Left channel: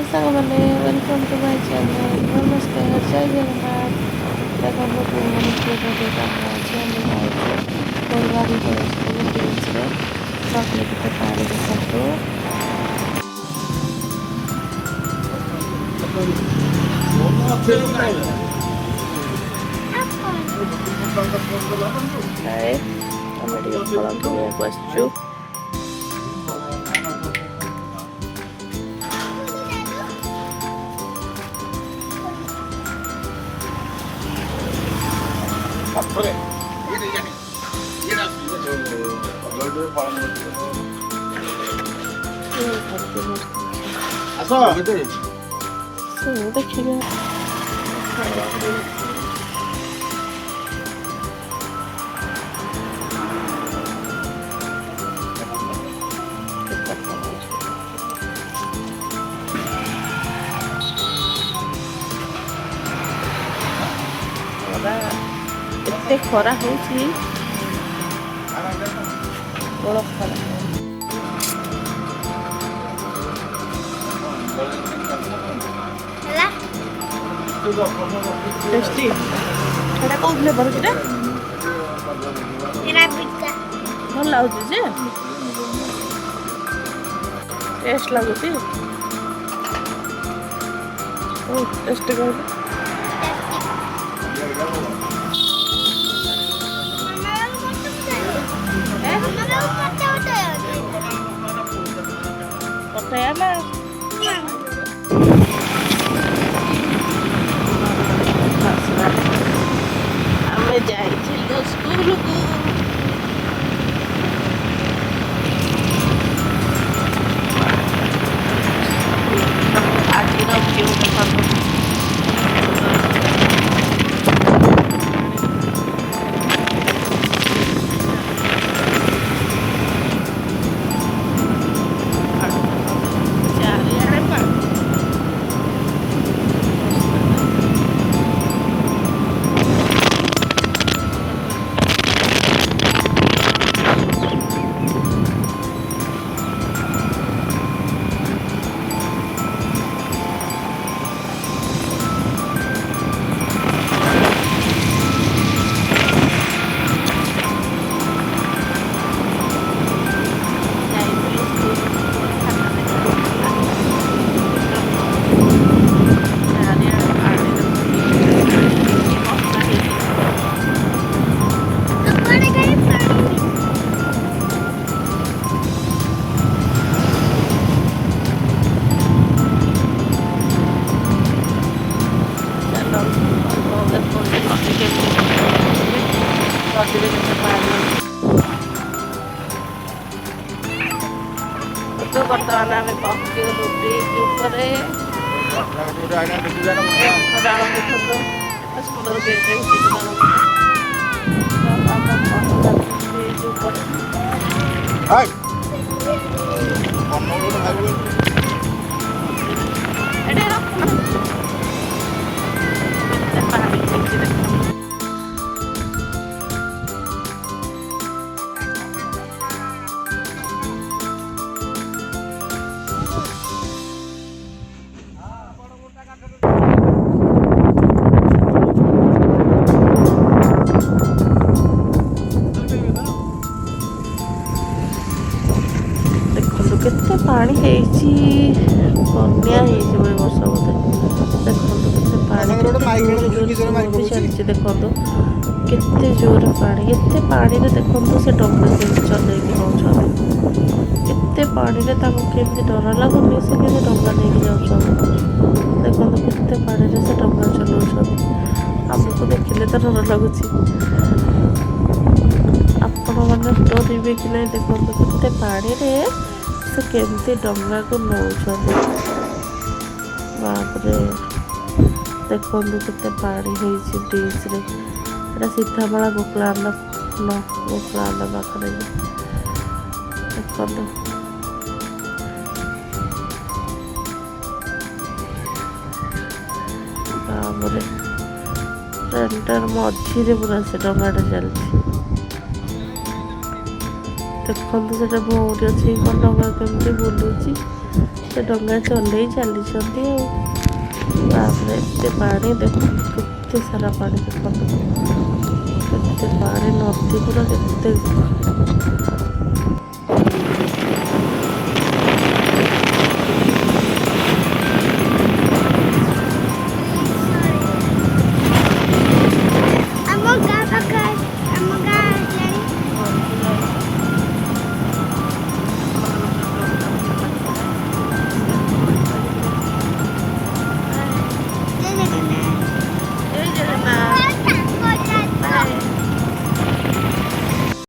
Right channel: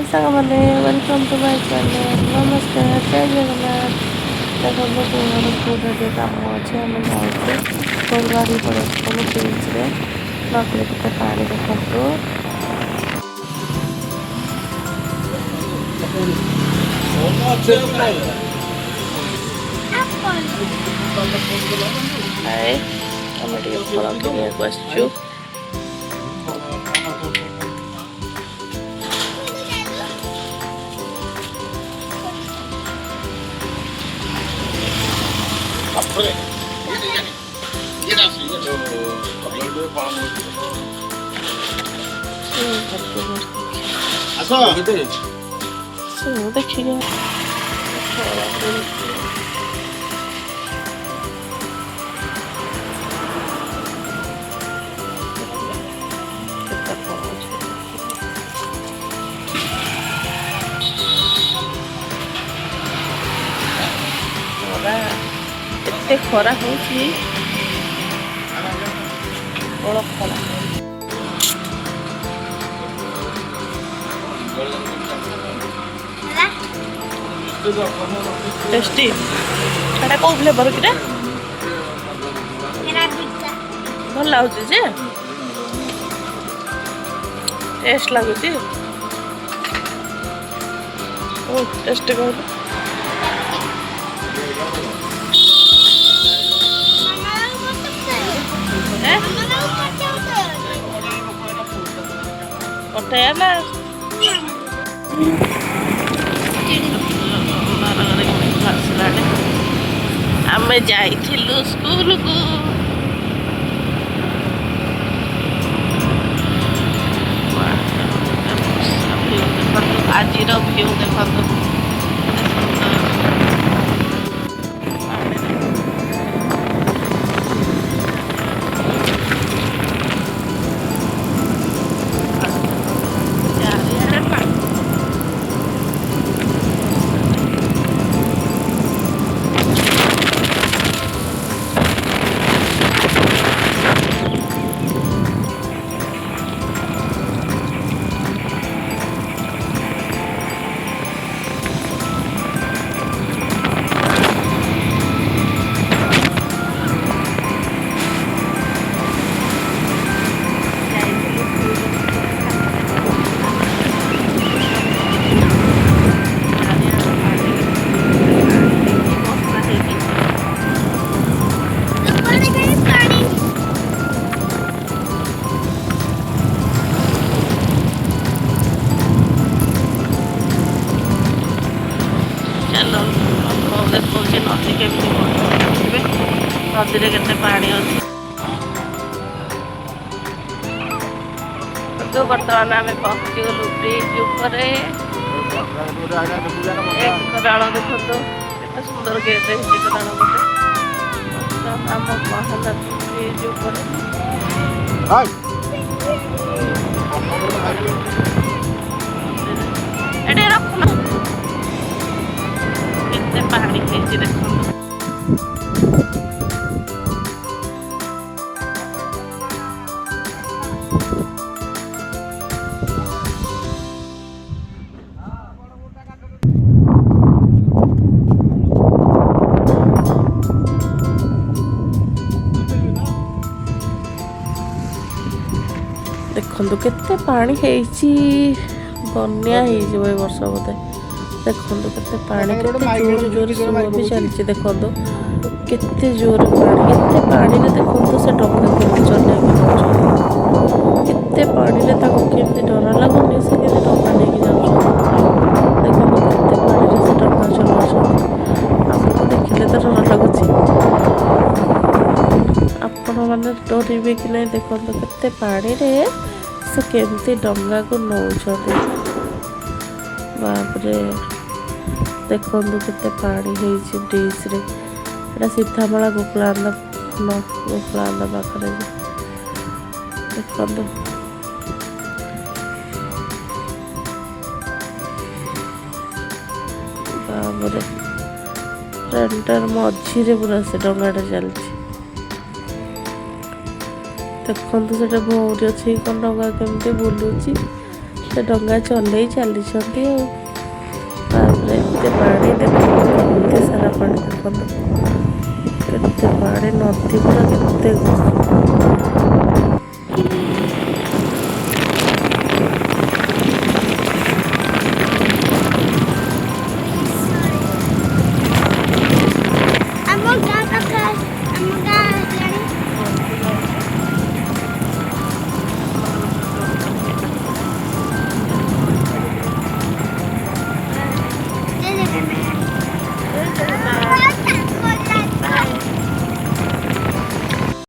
हाय साଙ୍ଗमाने welcome to my channel नमस्कार जय जगन्नाथ देखो पूरे कम अच्छे आम जाऊँ फुलबाड़ी पड़े बीच रे नकली के पानी देखो हाय आम फल किनिया आसचु देखिए एते खरा हो खरा टेस्टी एटा को फ्लेवर किटा भल लागुची जे टेस्ट लागुची ओ टेस्ट कर पटाया आम जाइलु स्कूल को आज व्यू देखो नदी के पानी तो बर्तमान आम पहुँची गलु ब्रिज डाल देखो केते सुंदर गेट डाल ब्रिज रखना केते पहाड़ी देखो देखो केते पानी बन्या हो वर्ष बोधे देखो केते पानी जोर चलती देखो केते जोर पानी एते पानी में देखो से डंगा के चलेबी एते पानी में केमती डर लगुनि से डंगा नहीं देखो केते पानी में से डंगा चलाऊँ आमको देखिले तो डर लगुच आपण मैंने डरवे कि नहीं देखो केते पानी में से केमती डंगा को नौ बापरे देखो केते पानी ब्रिज रे सीतामला गोपाल गोपाल पाखे देखो ट्रेनटार मझे पूरा से डंगाटा चलती देखो से भौरी अच्छी डंगा केमती बुलूची ସେ ଡଙ୍ଗା ଚଲେଇ ଚାଲିଛନ୍ତି ଆଉ। ତାପରେ ଏତେ ପାଣି ଦେଖନ୍ତୁ, କେତେ ସାରା ପାଣି ଦେଖନ୍ତୁ, କେତେ ପାଣି, ନଦୀ ପୁରା କେତେ